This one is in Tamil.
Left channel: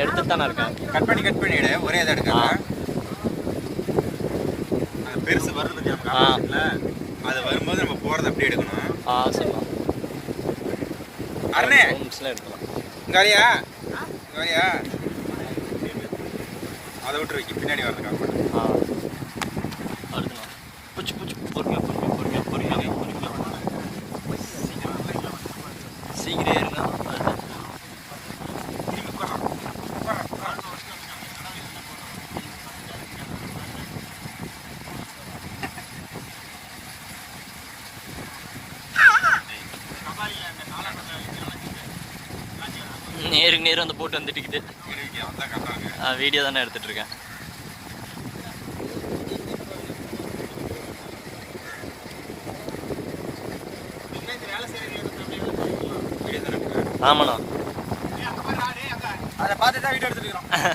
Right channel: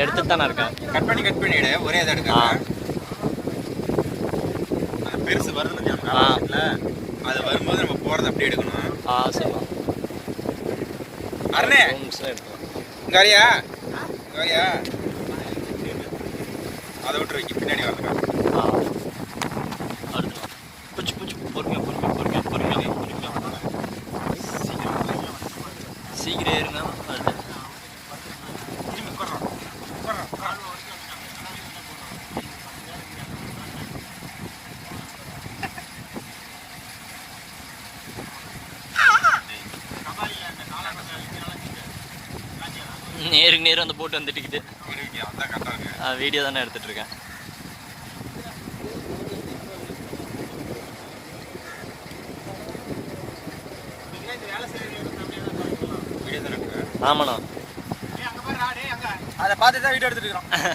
எடுத்துட்டு தானே இருக்கேன். கட் பண்ணி எடு. ஒரே இதை எடுக்கலாம். அந்த பெருசு வருது இல்ல, அது வரும்போது நம்ம போறதை அப்படியே எடுக்கணும். சரிண்ணா. அருணே இங்க வரியா? அதை விட்டு வைக்க பின்னாடி வரதுக்கா. அடுத்துண்ணா பொறுமையா சீக்கிரம் ஏறுங்க. நேருக்கு நேரம் அந்த போட்டு வந்துட்டுக்குது. வீடியோ தானே எடுத்துட்டு இருக்கேன். ஆமாண்ணா, அதை பார்த்து தான் வீடியோ எடுத்துட்டு இருக்கோம்.